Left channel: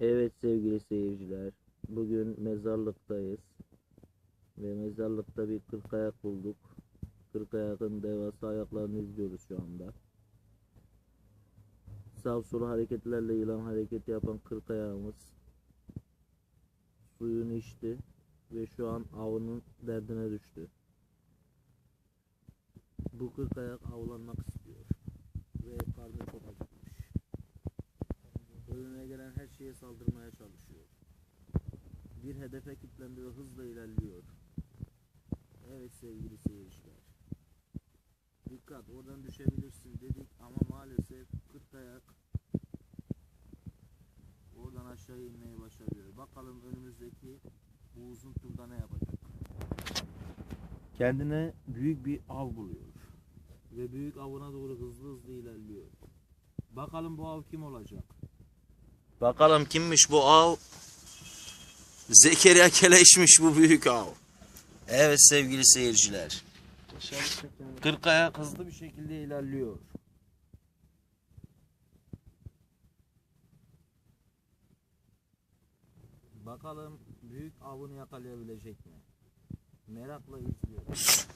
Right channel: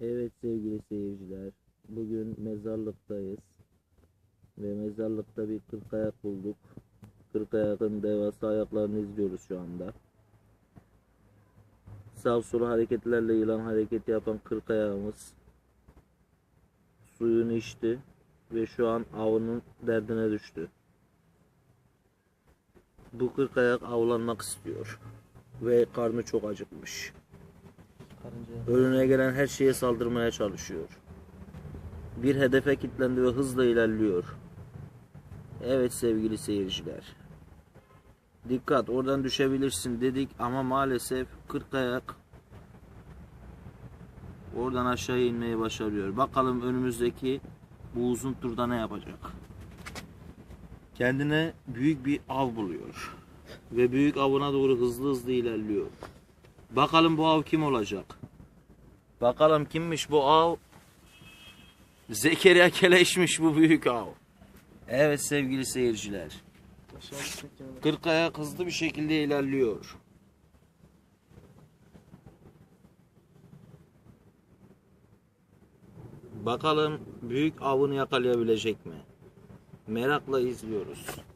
Evet sevgili seyirciler, bugün mezarlıktayız ve mezarlıkta bir kırk ayak bulduk. Kırk ayakın devasa ayaklarını izliyoruz şu anda. Sağ sol hareketlerle yılan hareketi yapan kırk ayağımız suyunu içti ve şu an avının derdine düştü. Bu kırk ayak avlanmak istiyor ve karnı çok acıkmış. Önüne gelen her şeye saldırmaya çalışıyor. Bir hedefe kilitlendi ve hızla ilerliyor. Evet sevgili seyirciler. Dikkat oradan düşebilirsin dedik ama maalesef 40 ayak oradan aşağı inmeyi başarıyor. Bakalım önümüzdeki bu uzun turda ne yapacak? Kendine büyük bir av buluyor. Ve büyük avına doğru hızlı hızlı ilerliyor. Bakalım bu av kim olacak? Bakalım kimmiş bu av? Zekeriya Keleş'miş bu büyük av. Evet sevgili seyirciler. Aşağı düşmek yani. Kırk ayak hızlı bir şekilde ilerliyor. Bakalım büyük avını yakalayabilecek mi? Merakla izliyoruz.